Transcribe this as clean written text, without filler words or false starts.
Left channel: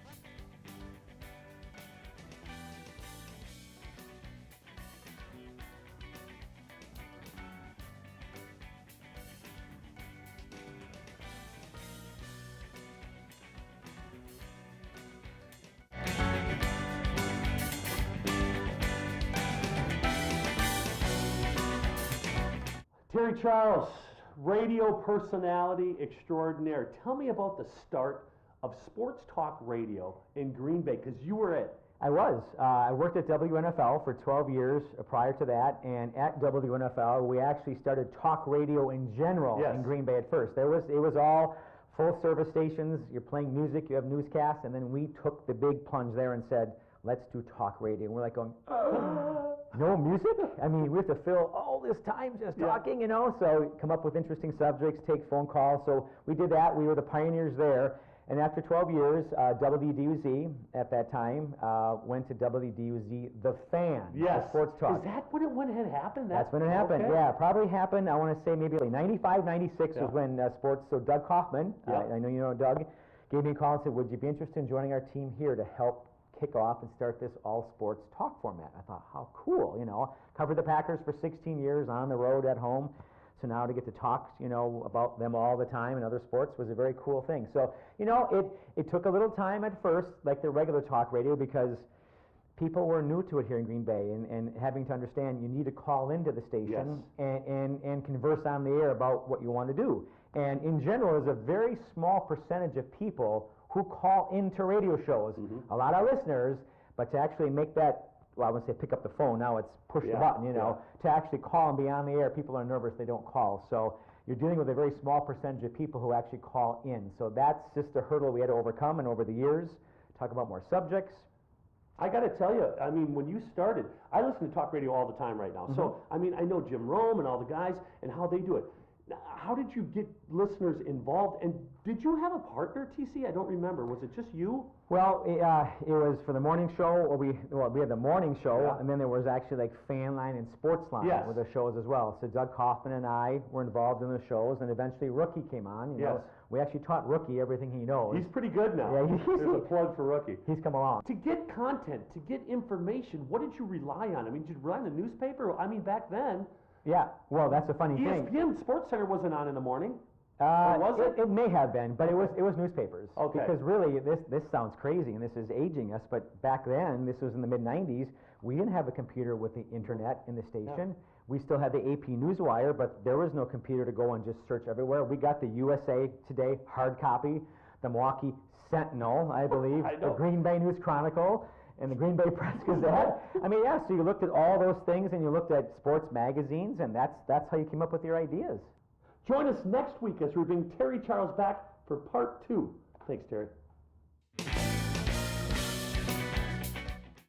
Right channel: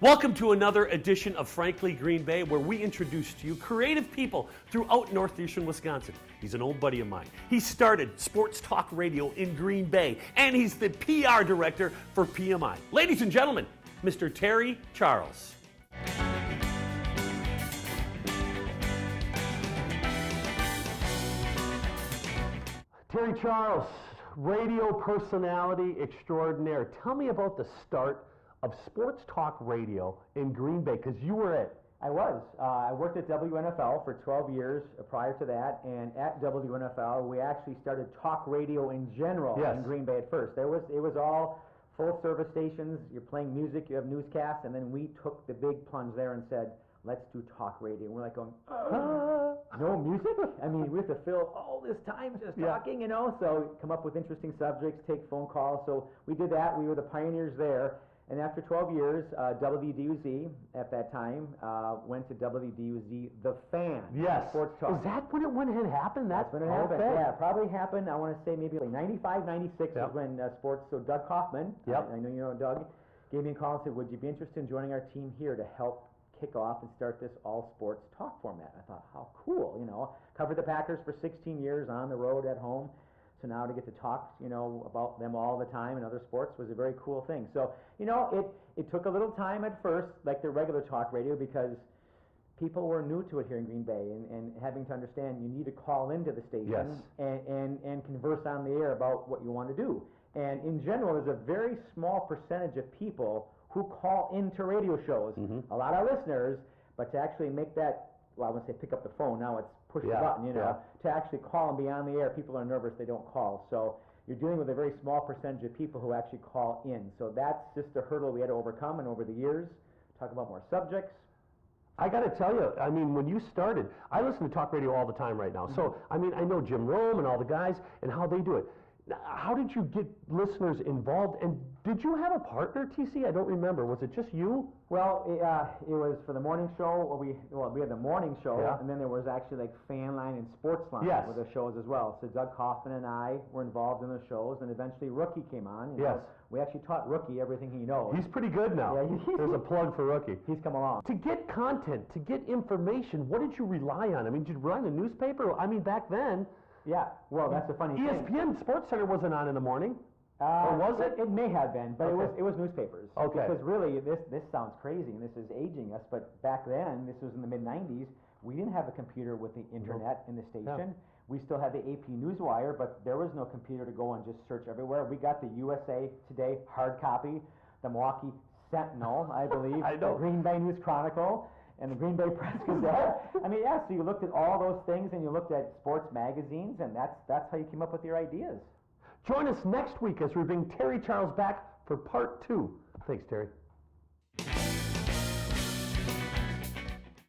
Welcome to another edition of Frankly Green Bay, where we introduce to you creative people throughout northeastern Wisconsin. He's an old buddy of mine. He started Sports Talk Radio in Green Bay, and he's the PR director for PMI. Ladies and gentlemen, Mr. Terry Charles. Terry Charles, radio personality extraordinaire. Tell me about the start of Sports Talk Radio in Green Bay, because you were it. I was. I worked at WNFL for 12 years prior to that, and at WNFL we actually started talk radio in general in Green Bay at first. It was all full service stations. You're playing music, you have newscasts, and then we took the big plunge there and said, let's do talk radio. And we're like going, no music? I mean, we have to fill all this time just talking, so come up with interesting subjects, take phone calls. So we did that. We were the pioneers there. And after 12 years, WDUZ at that time went to WDUZ The Fan. Yes. Sports Talk. Is that when it had happened? That's when it happened. Okay. Yeah, probably happened, I want to say maybe like 95, 96 was when sports, so Doug Kaufman, I know you know Doug, gave me a call and said, would you be interested in joining our team here to help kick off and start this all sports talk format? I thought, how cool, Covered the Packers for 16 years on the road, at home. So now to get to talk, about them all the time and other sports was a very cool thing. So, it took a little time at first, like the regular talk radio, because people were new to it here in Green Bay, and having to understand you need to call into the station and converse on the air about what you want to do. And in general, there's a very small percentage of people who call into radio shows. A lot of listeners, but to actually make that, well, I wouldn't say pick up the phone, now it's push a button, to actually call and be on the air, people are nervous, they don't call. So you're dealing with a very small percentage of people who actually call in. So that's just a hurdle we had to overcome, and over the years, talk about more subjects. I got to tell you, I mean, when you started, I listen to talk radio all the time right now. So, I mean, I know Jim Rome and all the guys and how they do it. How did you get listeners involved? And did you have a partner, TC? I don't remember. Was it just you? Well, it was for the morning show. We had the morning show, and then there was actually like Fan Line and Sports Line with the shows as well. So Doug Kaufman and I were involved in the shows, and eventually Rookie came on. We actually taught Rookie everything he knows. He's pretty good now. Yeah, there's a plug for Rookie. He's come along. To get content, to get information, what did you rely on? I mean, did you run a newspaper? I mean, back then. Yeah, well, that's a funny thing. ESPN Sports Center wasn't on in the morning. Was it? It may have been, but it was newspapers. Okay. Because really, this sounds crazy, and this is aging us, but back then, this was in the mid-90s, we didn't have a computer with the internet in the station. We still had the AP Newswire, but there was no computer to go and just search everywhere. We got the USA Today hard copy, the Milwaukee Sentinel, I believe, the Green Bay News Chronicle, and the Green Bay Press Gazette. I mean, so you looked at all those things, and you looked at sports magazines, and that's how you came up with your ideas. Join us next week as we bring Terry Charles back for part 2. Thanks, Terry.